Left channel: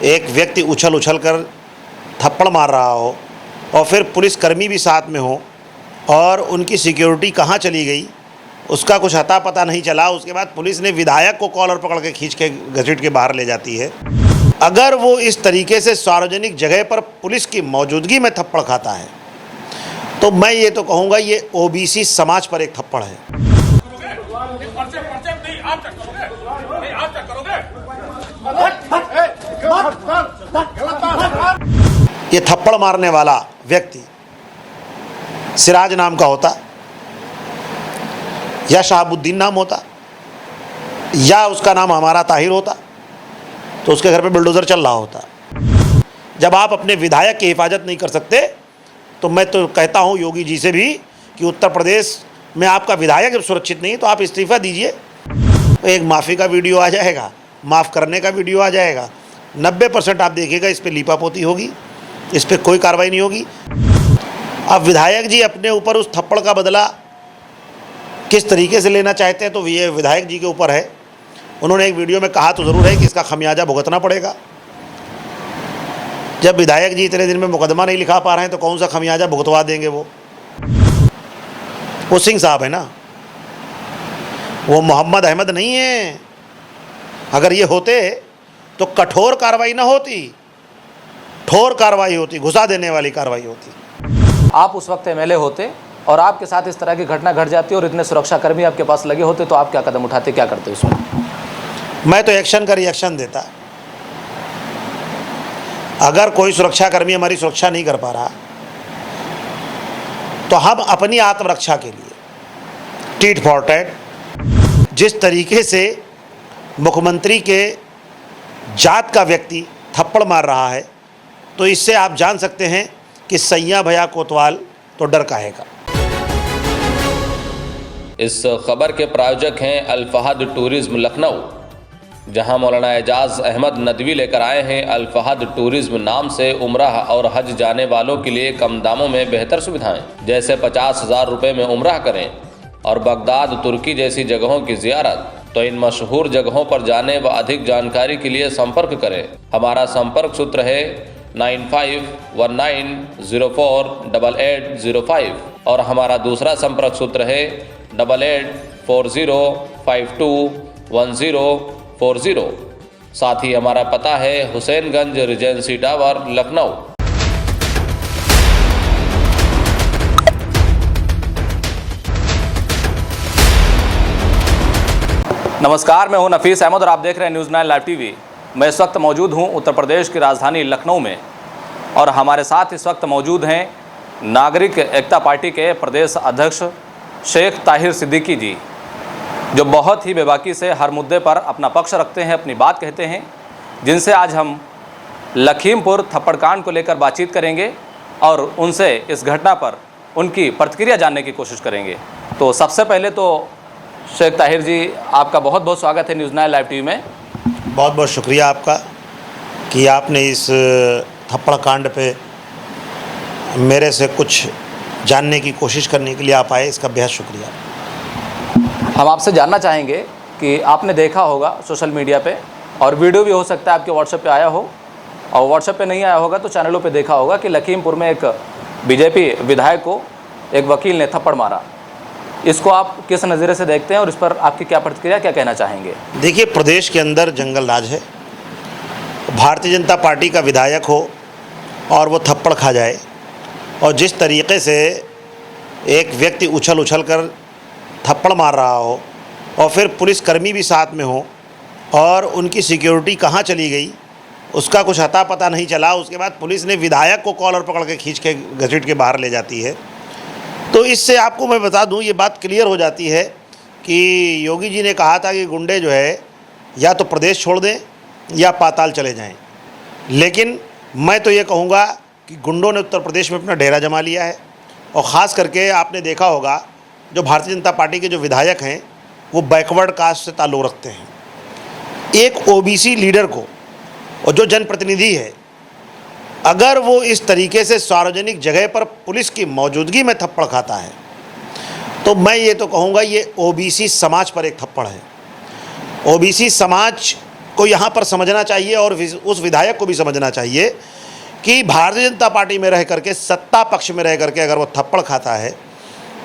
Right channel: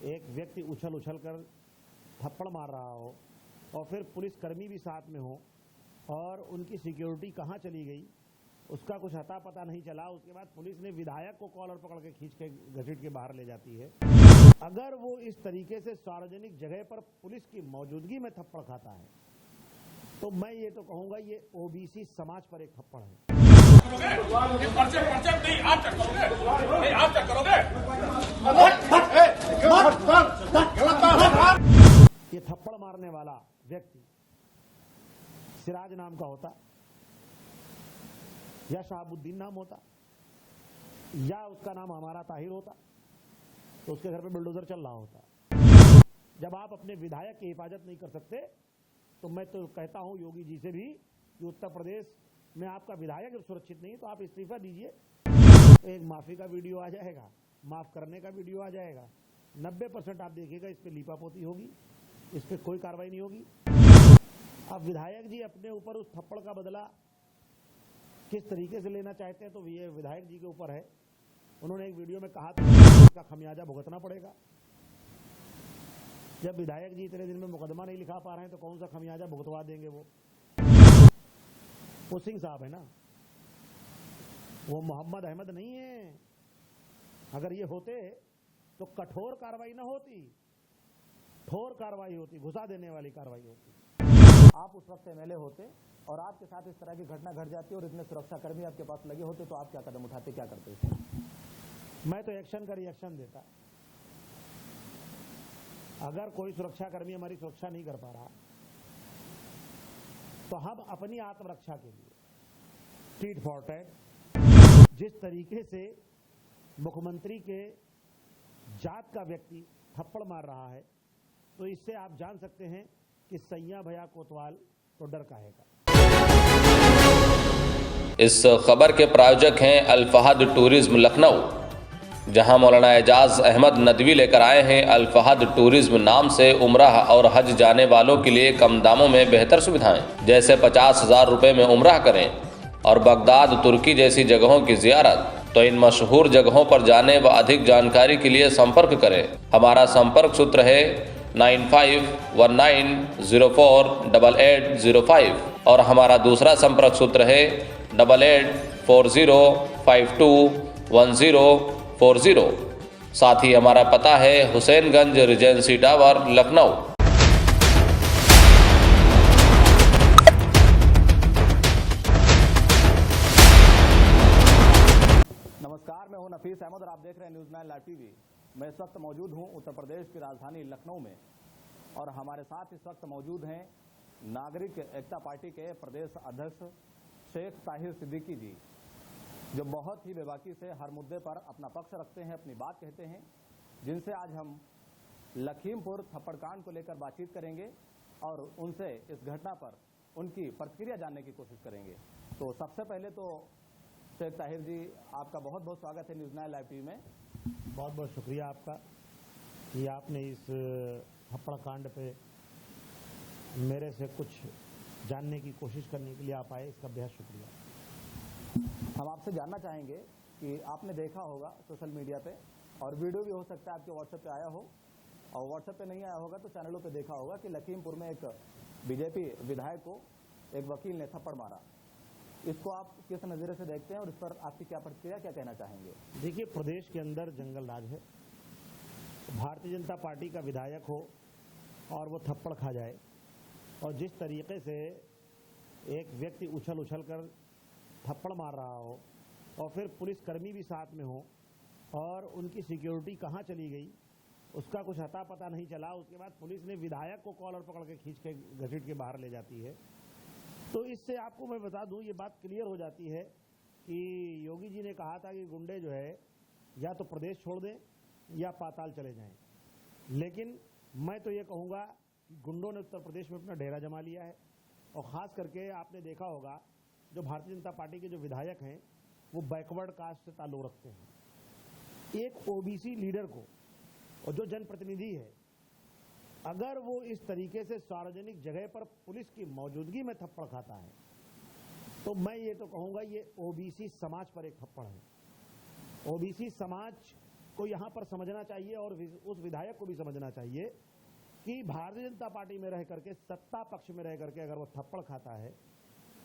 एक व्यक्ति उछल उछल कर थप्पड़ मार रहा हो और फिर पुलिसकर्मी भी साथ में हो और उनकी सिक्योरिटी कहाँ चली गई उसका कुछ अता पता नहीं चला। उसके बाद पुलिस ने विधायक को कॉलर पकड़ के खींच के घसीट के बाहर ले जाती है। अगर वो इस तरीके से सार्वजनिक जगह पर पुलिस की मौजूदगी में थप्पड़ खाता है तो मैं ये तो कहूँगा ये ओबीसी समाज पर एक थप्पड़ है। ये थप्पड़ मारने वाला व्यक्ति सिराज नाम का होता या शहाबुद्दीन नाम होता या उसका नाम हमारा ताहिर होता तो उसके घर पे बुलडोज़र चल रहा होता। जब आप अपने विधायक की हिफाजत नहीं कर सकते तो मैं तो कहता हूं योगी जी से भी कि उत्तर प्रदेश में आपका विधायक जब सुरक्षित नहीं तो आप इस्तीफ़ा दीजिए। तो एक माफ़ी का वीडियो आ जाएगा, माफ़ करने का वीडियो आ जाएगा, 90% आप देखिएगा इस पर लीपापोती होगी, इस पर कोई कार्रवाई नहीं होगी। अब विधायक जी अपने ऊपर उस थप्पड़ का बदला किस तरीके से लेना चाहते हैं तो ये विधायक जी के ऊपर है। उन्होंने एक वीडियो में कहा तो ज़रूर है कि इसका खमियाजा भुगतना पड़ेगा। जब विधायक जी इतने दिन में मुकदमा नहीं लिखा पा रहे हैं तो कौन सा खमियाजा भुगतवा देंगे? वो सिंह साहब है ना, वो मोहम्मद अहमद नहीं है। अगर ये होते तो कठोर कार्रवाई ना होती, ठोर कार्रवाई होती, घुसा देने वाली कार्रवाई होती। आप उस वक्त एमएलए होते और आपके साथ इस तरह की घटना घट जाती और इतने सुरक्षाकर्मी आपके पास लगे होते तो आप क्या कदम उठाते, क्या करते उसमें? मैं तो एक्शन का रिएक्शन देता। अगर कोई सुरक्षाकर्मी हमारी सुरक्षा नहीं कर पा रहा तो हम अपनी आत्मरक्षा के लिए टीट फॉर टैट जिस तरीके से मुख्यमंत्री के जात का व्यक्ति थप्पड़ मार रहा है तो इससे आप जान सकते हैं कि सैया भैया कोतवाल तो डर काहेगा। इस खबर के प्रायोजक हैं अल फहद टूरिज्म लखनऊ, जहां मौलाना एजाज अहमद नदवी लेकर आए हैं अल फहद टूरिज्म नाम से उम्राह और हज जाने वालों के लिए कम दामों में बेहतर सुविधाएं, जैसे 50,000 रुपये में उम्राह करें और बगदाद तुर्की जैसी जगहों की जियारत। तो इन मशहूर जगहों पर जाने व अधिक जानकारी के लिए संपर्क करें। हमारा संपर्क सूत्र है 9519048805 और हमारा दूसरा संपर्क सूत्र है 8840521040। साथ ही हमारा पता है हुसैनगंज रिजेंसी टावर लखनऊ। नमस्कार, मैं हूं नफीस अहमद और आप देख रहे हैं न्यूज़ 9 लाइव टीवी। मैं इस वक्त मौजूद हूं उत्तर प्रदेश की राजधानी लखनऊ में और हमारे साथ इस वक्त मौजूद हैं नागरिक एकता पार्टी के प्रदेश अध्यक्ष शेख ताहिर सिद्दीकी जी, जो बहुत ही बेबाकी से हर मुद्दे पर अपना पक्ष रखते हैं, अपनी बात कहते हैं, जिनसे आज हम लखीमपुर थप्पड़कांड को लेकर बातचीत करेंगे और उनसे इस घटना पर उनकी प्रतिक्रिया जानने की कोशिश करेंगे। तो सबसे पहले तो शेख ताहिर जी, आपका बहुत बहुत स्वागत है न्यूज़ 9 लाइव टीवी में। बहुत बहुत शुक्रिया आपका कि आपने इस थप्पड़ कांड पे मेरे से कुछ जानने की कोशिश करने के लिए आप आए, इसका बेहद शुक्रिया। हम आपसे जानना चाहेंगे कि आपने देखा होगा सोशल मीडिया पे और वीडियो भी हो सकता है आपके व्हाट्सएप पे आया हो और व्हाट्सएप पे नहीं आया होगा तो चैनलों पे देखा होगा कि लखीमपुर में एक बीजेपी विधायक को एक वकील ने थप्पड़ मारा। इसको आप किस नज़रिए से देखते हैं और इस पर आपकी क्या प्रतिक्रिया, क्या कहना चाहेंगे? देखिए, प्रदेश के अंदर जंगल राज है। भारतीय जनता पार्टी का विधायक हो और वो थप्पड़ खा जाए और जिस तरीके से एक व्यक्ति उछल उछल कर थप्पड़ मार रहा हो और फिर पुलिसकर्मी भी साथ में हो और उनकी सिक्योरिटी कहाँ चली गई उसका कुछ अता पता नहीं चला। उसके बाद पुलिस ने विधायक को कॉलर पकड़ के खींच के घसीट के बाहर ले जाती है। तो इससे आपको मैं बता दूं, ये बात क्लियर हो जाती है कि योगी जी ने कहा था कि गुंडे जो है या तो प्रदेश छोड़ दें या पाताल चले जाएं। लेकिन मैं तो ये कहूँगा कि गुंडों ने उत्तर प्रदेश में अपना डेरा जमा लिया है और ख़ास करके आपने देखा होगा जो भारतीय जनता पार्टी के जो विधायक हैं वो बैकवर्ड कास्ट से ताल्लुक़ रखते हैं। एक ओबीसी लीडर को और जो जनप्रतिनिधि है, अगर वो इस तरीके से सार्वजनिक जगह पर पुलिस की मौजूदगी में थप्पड़ खाता है तो मैं ये तो कहूँगा ये ओबीसी समाज पर एक थप्पड़ है। ओबीसी समाज को यहाँ पर समझना चाहिए और उस विधायक को भी समझना चाहिए कि भारतीय जनता पार्टी में रह करके, सत्ता पक्ष में रह करके अगर वो थप्पड़ खाता है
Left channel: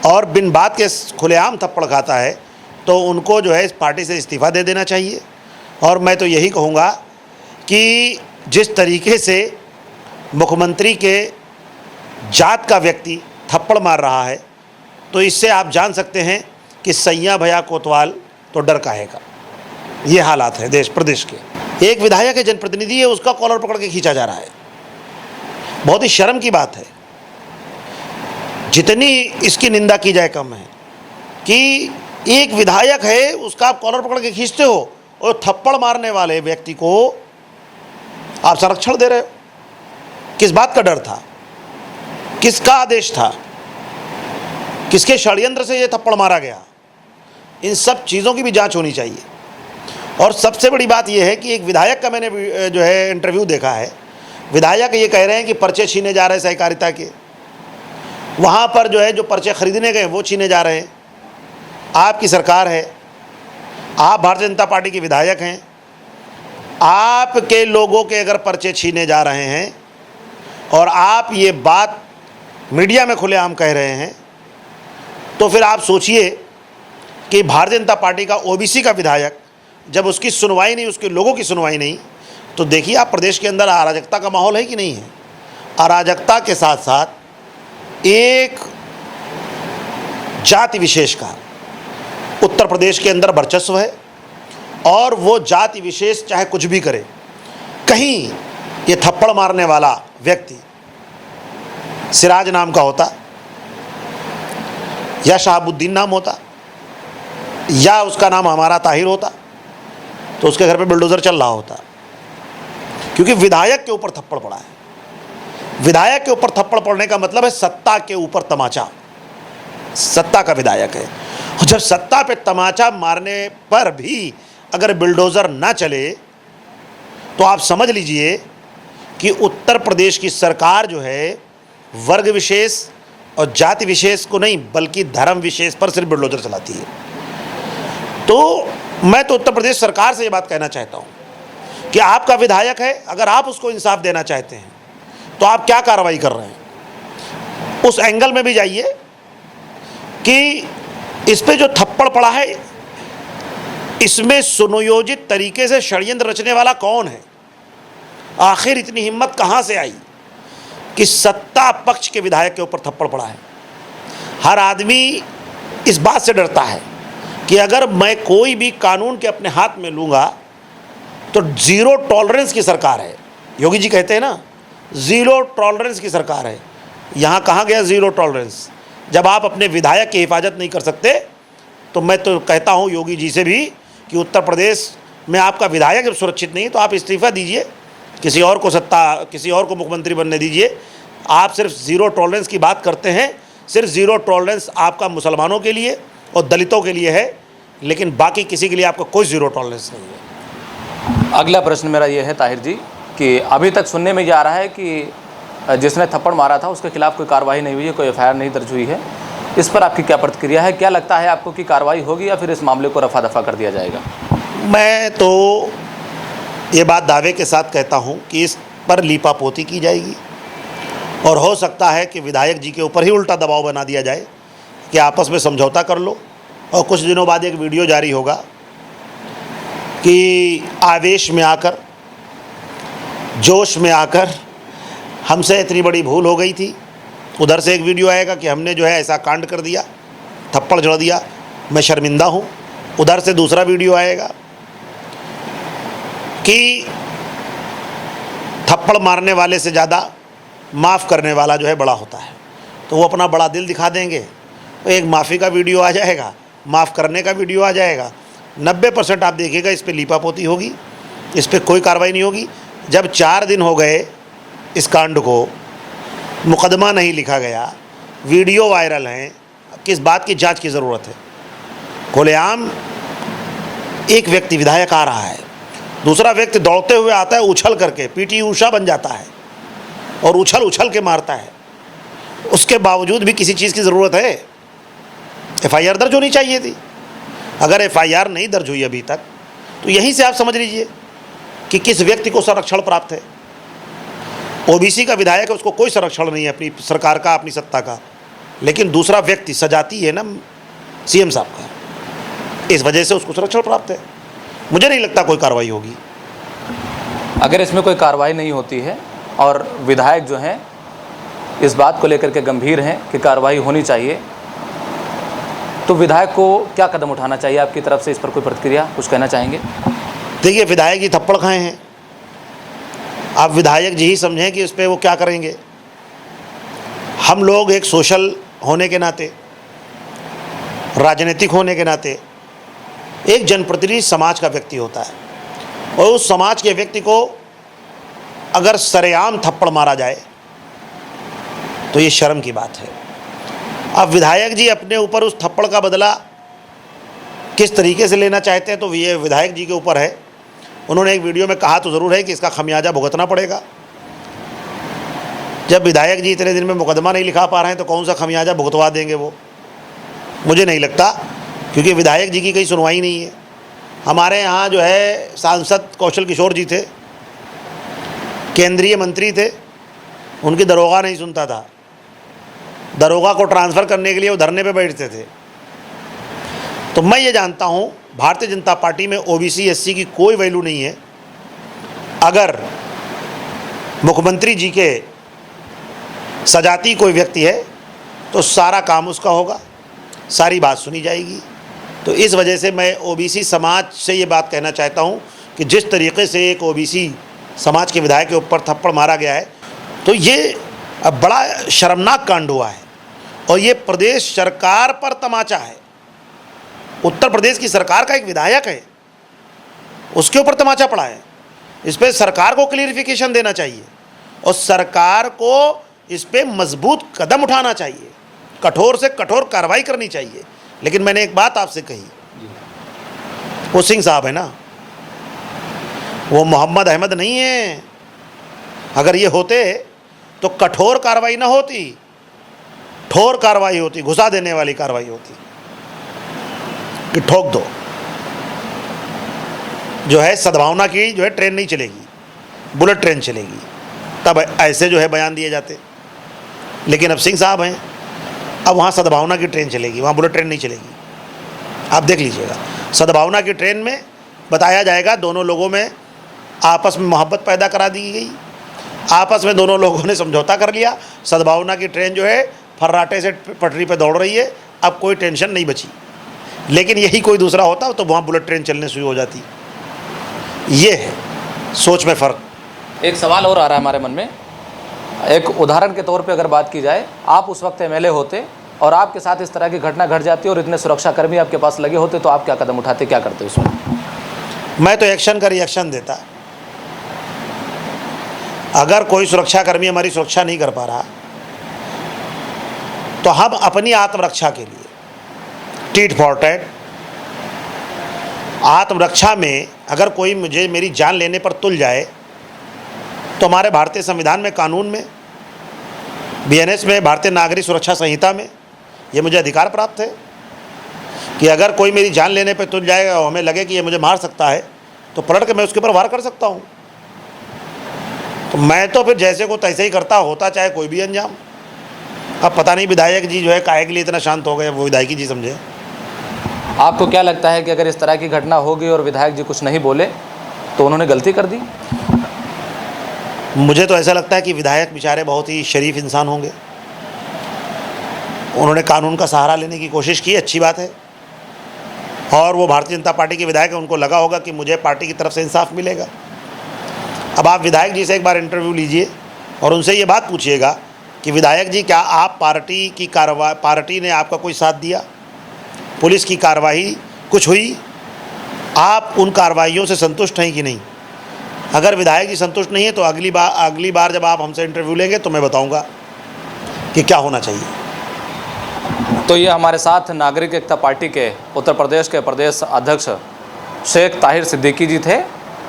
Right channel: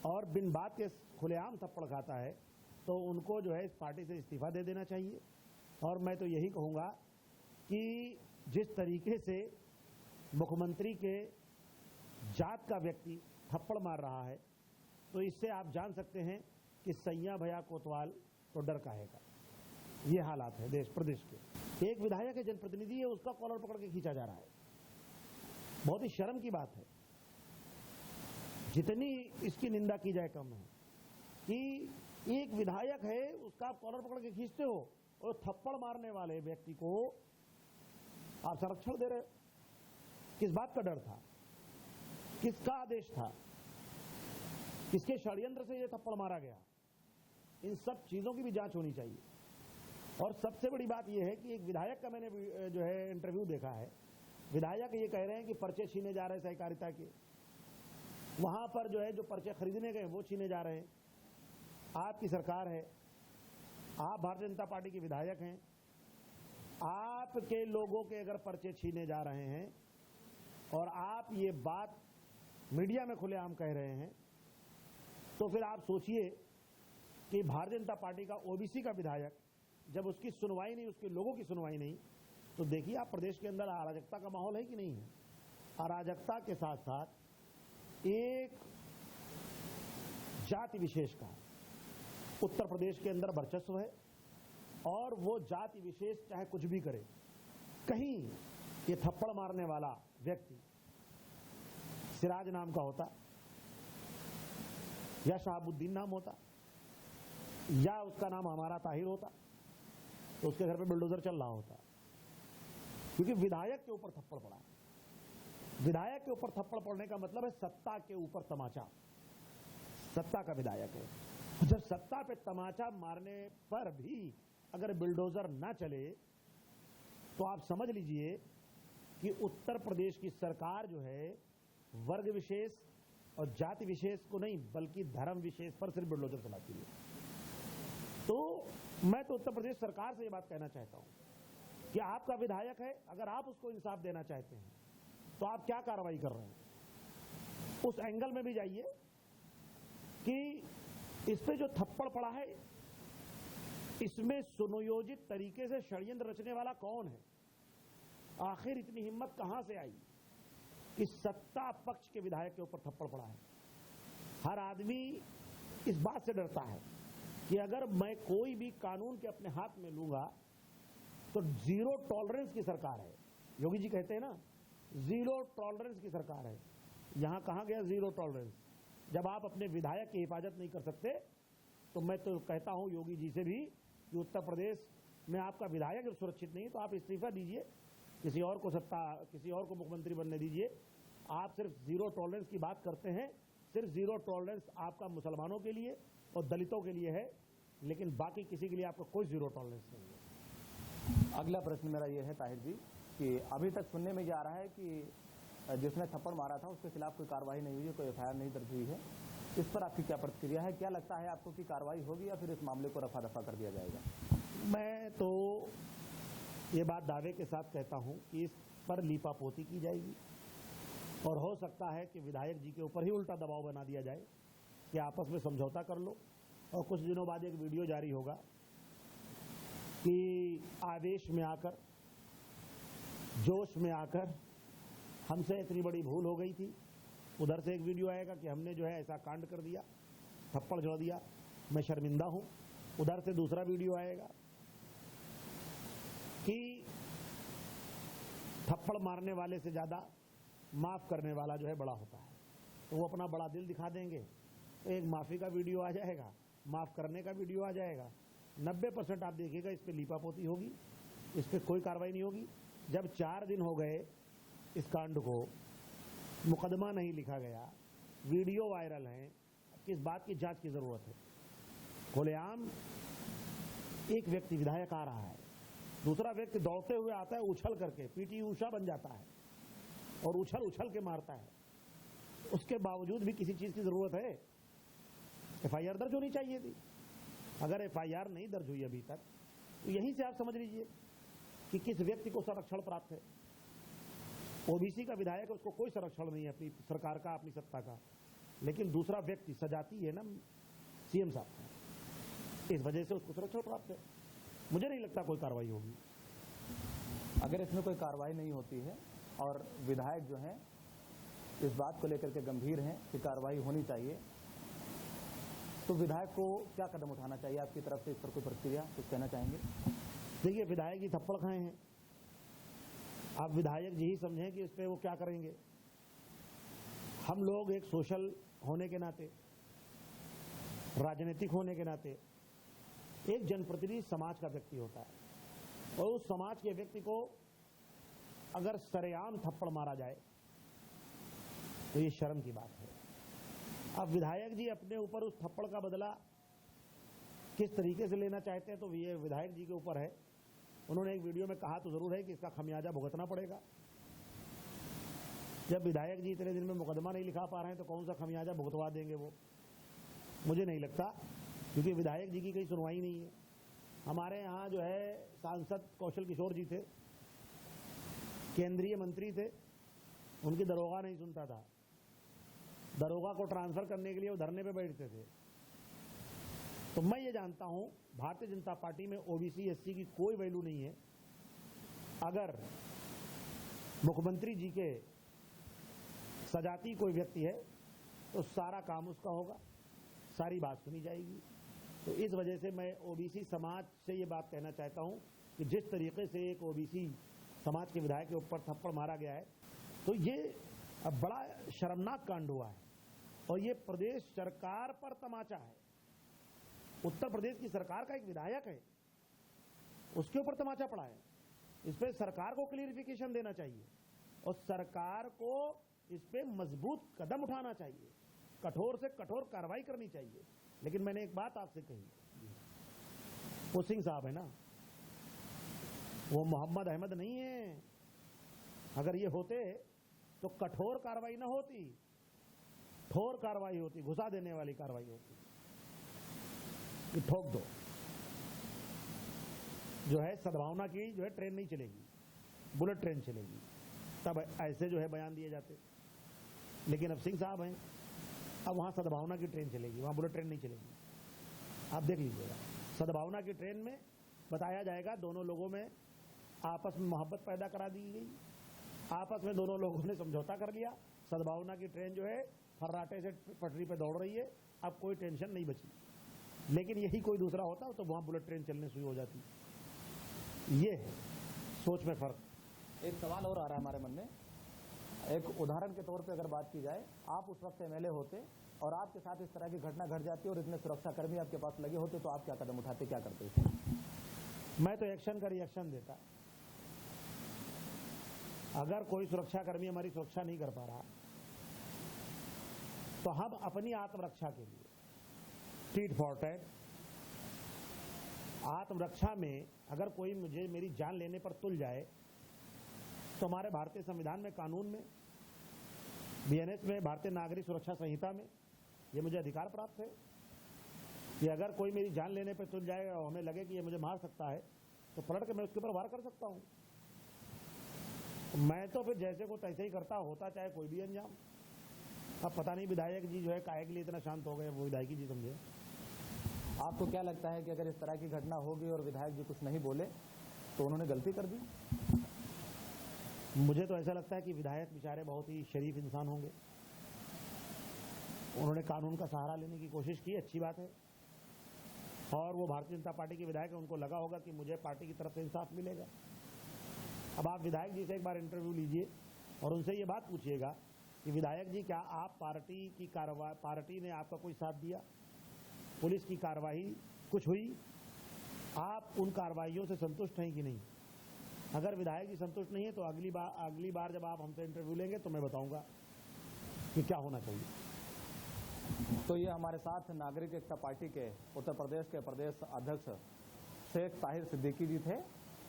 और बिन बात के खुलेआम थप्पड़ खाता है तो उनको जो है इस पार्टी से इस्तीफ़ा दे देना चाहिए। और मैं तो यही कहूँगा कि जिस तरीके से मुख्यमंत्री के जात का व्यक्ति थप्पड़ मार रहा है तो इससे आप जान सकते हैं कि सैया भैया कोतवाल तो डर काहेगा। ये हालात है देश प्रदेश के। एक विधायक है, जनप्रतिनिधि है, उसका कॉलर पकड़ के खींचा जा रहा है। बहुत ही शर्म की बात है, जितनी इसकी निंदा की जाए कम है कि एक विधायक है उसका आप कॉलर पकड़ के खींचते हो और थप्पड़ मारने वाले व्यक्ति को आप संरक्षण दे रहे हो। किस बात का डर था? किसका आदेश था? किसके षड्यंत्र से ये थप्पड़ मारा गया? इन सब चीज़ों की भी जांच होनी चाहिए। और सबसे बड़ी बात यह है कि एक विधायक का मैंने जो है इंटरव्यू देखा है। विधायक ये कह रहे हैं कि पर्चे छीने जा रहे हैं सहकारिता के, वहाँ पर जो है जो पर्चे खरीदने गए वो छीने जा रहे हैं। आपकी सरकार है, आप भारतीय जनता पार्टी के विधायक हैं, आपके लोगों के अगर पर्चे छीने जा रहे हैं और आप ये बात मीडिया में खुलेआम कह रहे हैं तो फिर आप सोचिए कि भारतीय जनता पार्टी का ओबीसी का विधायक जब उसकी सुनवाई नहीं, उसके लोगों की सुनवाई नहीं, तो देखिए आप प्रदेश के अंदर अराजकता का माहौल है कि नहीं है। अराजकता के साथ साथ एक जाति विशेष का उत्तर प्रदेश के अंदर वर्चस्व है और वो जाति विशेष चाहे कुछ भी करे, कहीं ये थप्पड़ मारने वाला व्यक्ति सिराज नाम का होता या शहाबुद्दीन नाम होता या उसका नाम हमारा ताहिर होता तो उसके घर पे बुलडोज़र चल रहा होता। क्योंकि विधायक के ऊपर थप्पड़ पड़ा है। विधायक के ऊपर थप्पड़ पड़ने का मतलब है सत्ता के ऊपर तमाचा। सत्ता का विधायक है और जब सत्ता पे तमाचा मारने पर भी अगर बुलडोज़र ना चले तो आप समझ लीजिए कि उत्तर प्रदेश की सरकार जो है वर्ग विशेष और जाति विशेष को नहीं बल्कि धर्म विशेष पर सिर्फ बुलडोज़र चलाती है। तो मैं तो उत्तर प्रदेश सरकार से ये बात कहना चाहता हूँ कि आपका विधायक है, अगर आप उसको इंसाफ देना चाहते हैं तो आप क्या कार्रवाई कर रहे हैं, उस एंगल में भी जाइए कि इस पे जो थप्पड़ पड़ा है इसमें सुनियोजित तरीके से षड्यंत्र रचने वाला कौन है। आखिर इतनी हिम्मत कहाँ से आई कि सत्ता पक्ष के विधायक के ऊपर थप्पड़ पड़ा है। हर आदमी इस बात से डरता है कि अगर मैं कोई भी कानून के अपने हाथ में लूँगा तो जीरो टॉलरेंस की सरकार है। योगी जी कहते हैं ना, ज़ीरो टॉलरेंस की सरकार है। यहाँ कहाँ गया ज़ीरो टॉलरेंस? जब आप अपने विधायक की हिफाजत नहीं कर सकते तो मैं तो कहता हूँ योगी जी से भी कि उत्तर प्रदेश में आपका विधायक जब सुरक्षित नहीं तो आप इस्तीफ़ा दीजिए, किसी और को मुख्यमंत्री बनने दीजिए। आप सिर्फ ज़ीरो टॉलरेंस की बात करते हैं। सिर्फ ज़ीरो टॉलरेंस आपका मुसलमानों के लिए और दलितों के लिए है, लेकिन बाकी किसी के लिए आपका कोई ज़ीरो टॉलरेंस नहीं है। अगला प्रश्न मेरा ये है ताहिर जी कि अभी तक सुनने में ये आ रहा है कि जिसने थप्पड़ मारा था उसके खिलाफ कोई कार्रवाई नहीं हुई है, कोई एफआईआर नहीं दर्ज हुई है। इस पर आपकी क्या प्रतिक्रिया है? क्या लगता है आपको कि कार्रवाई होगी या फिर इस मामले को रफा दफा कर दिया जाएगा? मैं तो ये बात दावे के साथ कहता हूँ कि इस पर लीपापोती की जाएगी और हो सकता है कि विधायक जी के ऊपर ही उल्टा दबाव बना दिया जाए कि आपस में समझौता कर लो। और कुछ दिनों बाद एक वीडियो जारी होगा कि आवेश में आकर, जोश में आकर हमसे इतनी बड़ी भूल हो गई थी। उधर से एक वीडियो आएगा कि हमने जो है ऐसा कांड कर दिया, थप्पड़ जड़ दिया, मैं शर्मिंदा हूँ। उधर से दूसरा वीडियो आएगा कि थप्पड़ मारने वाले से ज़्यादा माफ़ करने वाला जो है बड़ा होता है, तो वो अपना बड़ा दिल दिखा देंगे। तो एक माफ़ी का वीडियो आ जाएगा, माफ़ करने का वीडियो आ जाएगा। 90% आप देखिएगा इस पे लीपापोती होगी, इस पे कोई कार्रवाई नहीं होगी। जब 4 दिन हो गए इस कांड को, मुकदमा नहीं लिखा गया, वीडियो वायरल हैं, किस बात की जांच की ज़रूरत है? खुलेआम एक व्यक्ति विधायक आ रहा है, दूसरा व्यक्ति दौड़ते हुए आता है, उछल करके पीटी ऊषा बन जाता है और उछल के मारता है। उसके बावजूद भी किसी चीज़ की ज़रूरत है? एफआईआर दर्ज होनी चाहिए थी। अगर एफआईआर नहीं दर्ज हुई अभी तक तो यहीं से आप समझ लीजिए कि किस व्यक्ति को संरक्षण प्राप्त है। ओबीसी का विधायक है, उसको कोई संरक्षण नहीं है अपनी सरकार का, अपनी सत्ता का, लेकिन दूसरा व्यक्ति सजाती है ना सीएम साहब का, इस वजह से उसको संरक्षण प्राप्त है। मुझे नहीं लगता कोई कार्रवाई होगी। अगर इसमें कोई कार्रवाई नहीं होती है और विधायक जो हैं इस बात को लेकर के गंभीर हैं कि कार्रवाई होनी चाहिए, तो विधायक को क्या कदम उठाना चाहिए आपकी तरफ से? इस पर कोई प्रतिक्रिया, कुछ कहना चाहेंगे? देखिए, विधायक जी थप्पड़ खाए हैं, आप विधायक जी ही समझें कि इस पर वो क्या करेंगे। हम लोग एक सोशल होने के नाते, राजनीतिक होने के नाते, एक जनप्रतिनिधि समाज का व्यक्ति होता है और उस समाज के व्यक्ति को अगर सरेआम थप्पड़ मारा जाए तो ये शर्म की बात है। अब विधायक जी अपने ऊपर उस थप्पड़ का बदला किस तरीके से लेना चाहते हैं तो ये विधायक जी के ऊपर है। उन्होंने एक वीडियो में कहा तो ज़रूर है कि इसका खमियाजा भुगतना पड़ेगा। जब विधायक जी इतने दिन में मुकदमा नहीं लिखा पा रहे हैं तो कौन सा खमियाजा भुगतवा देंगे वो? मुझे नहीं लगता, क्योंकि विधायक जी की कहीं सुनवाई नहीं है। हमारे यहाँ जो है सांसद कौशल किशोर जी थे, केंद्रीय मंत्री थे, उनकी दरोगा नहीं सुनता था। दरोगा को ट्रांसफ़र करने के लिए वो धरने पे बैठते थे। तो मैं ये जानता हूँ भारतीय जनता पार्टी में ओबीसी एससी की कोई वैल्यू नहीं है। अगर मुख्यमंत्री जी के सजाती कोई व्यक्ति है तो सारा काम उसका होगा, सारी बात सुनी जाएगी। तो इस वजह से मैं ओबीसी समाज से ये बात कहना चाहता हूँ कि जिस तरीके से एक ओबीसी समाज के विधायक के ऊपर थप्पड़ मारा गया है तो ये बड़ा शर्मनाक कांड हुआ है और ये प्रदेश सरकार पर तमाचा है। उत्तर प्रदेश की सरकार का एक विधायक है, उसके ऊपर तमाचा पड़ा है। इस पर सरकार को क्लियरिफिकेशन देना चाहिए और सरकार को इस पर मजबूत कदम उठाना चाहिए, कठोर से कठोर कार्रवाई करनी चाहिए। लेकिन मैंने एक बात आपसे कही, वो सिंह साहब है ना, वो मोहम्मद अहमद नहीं है। अगर ये होते तो कठोर कार्रवाई ना होती, ठोर कार्रवाई होती, घुसा देने वाली कार्रवाई होती कि ठोक दो। जो है सद्भावना की जो है ट्रेन नहीं चलेगी, बुलेट ट्रेन चलेगी, तब ऐसे जो है बयान दिए जाते। लेकिन अब सिंह साहब हैं, अब वहाँ सद्भावना की ट्रेन चलेगी, वहाँ बुलेट ट्रेन नहीं चलेगी। आप देख लीजिएगा, सद्भावना की ट्रेन में बताया जाएगा दोनों लोगों में आपस में मोहब्बत पैदा करा दी गई, आपस में दोनों लोगों ने समझौता कर लिया। सद्भावना की ट्रेन जो है फर्राटे से पटरी पे दौड़ रही है, अब कोई टेंशन नहीं बची। लेकिन यही कोई दूसरा होता तो वहाँ बुलेट ट्रेन चलने शुरू हो जाती। ये है सोच में फ़र्क। एक सवाल और आ रहा है हमारे मन में। एक उदाहरण के तौर पे अगर बात की जाए, आप उस वक्त एमएलए होते और आपके साथ इस तरह की घटना घट जाती और इतने सुरक्षाकर्मी आपके पास लगे होते, तो आप क्या कदम उठाते, क्या करते उसमें? मैं तो एक्शन का रिएक्शन देता। अगर कोई सुरक्षाकर्मी हमारी सुरक्षा नहीं कर पा रहा तो हम अपनी आत्मरक्षा के लिए टीट फॉर टैट, आत्मरक्षा में अगर कोई मुझे मेरी जान लेने पर तुल जाए तो हमारे भारतीय संविधान में, कानून में, बीएनएस में, भारतीय नागरिक सुरक्षा संहिता में ये मुझे अधिकार प्राप्त है कि अगर कोई मेरी जान लेने पर तुल जाएगा और हमें लगे कि ये मुझे मार सकता है तो पलट के मैं उसके ऊपर वार कर सकता हूँ। तो मैं तो फिर जैसे को तैसे ही करता, होता चाहे कोई भी अंजाम। अब पता नहीं विधायक जी जो है काहे के लिए इतना शांत हो गए, वो विधायकी जी समझे। आपको क्या लगता है कि अगर इस तरह की घटना होगी और विधायक जी कुछ नहीं बोले तो उन्होंने गलती कर दी? मुझे तो ऐसा लगता है कि विधायक बेचारे बहुत ही शरीफ इंसान होंगे, उन्होंने कानून का सहारा लेने की कोशिश की, अच्छी बात है। और वो भारतीय जनता पार्टी के विधायक हैं, उनको लगा होगा कि मुझे पार्टी की तरफ से इंसाफ मिलेगा। अब आप विधायक जी से एक बार इंटरव्यू लीजिए और उनसे ये बात पूछिएगा कि विधायक जी, क्या आप पार्टी ने आपका कोई साथ दिया? पुलिस की कार्रवाई कुछ हुई? आप उन कार्रवाइयों से संतुष्ट हैं कि नहीं? अगर विधायक जी संतुष्ट नहीं है तो अगली बार जब आप हमसे इंटरव्यू लेंगे तो मैं बताऊंगा कि क्या होना चाहिए। तो ये हमारे साथ नागरिक एकता पार्टी के उत्तर प्रदेश के प्रदेश अध्यक्ष शेख ताहिर सिद्दीकी जी थे,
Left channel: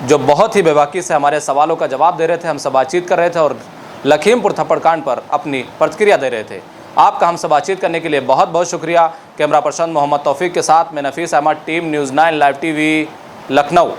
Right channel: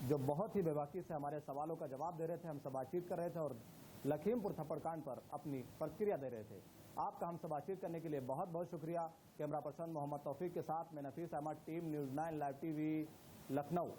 जो बहुत ही बेबाकी से हमारे सवालों का जवाब दे रहे थे, हमसे बातचीत कर रहे थे और लखीमपुर थप्पड़ कांड पर अपनी प्रतिक्रिया दे रहे थे। आपका हमसे बातचीत करने के लिए बहुत बहुत शुक्रिया। कैमरा पर्सन मोहम्मद तौफीक के साथ मैं Nafees Ahmad, team news 9 live TV, Lucknow.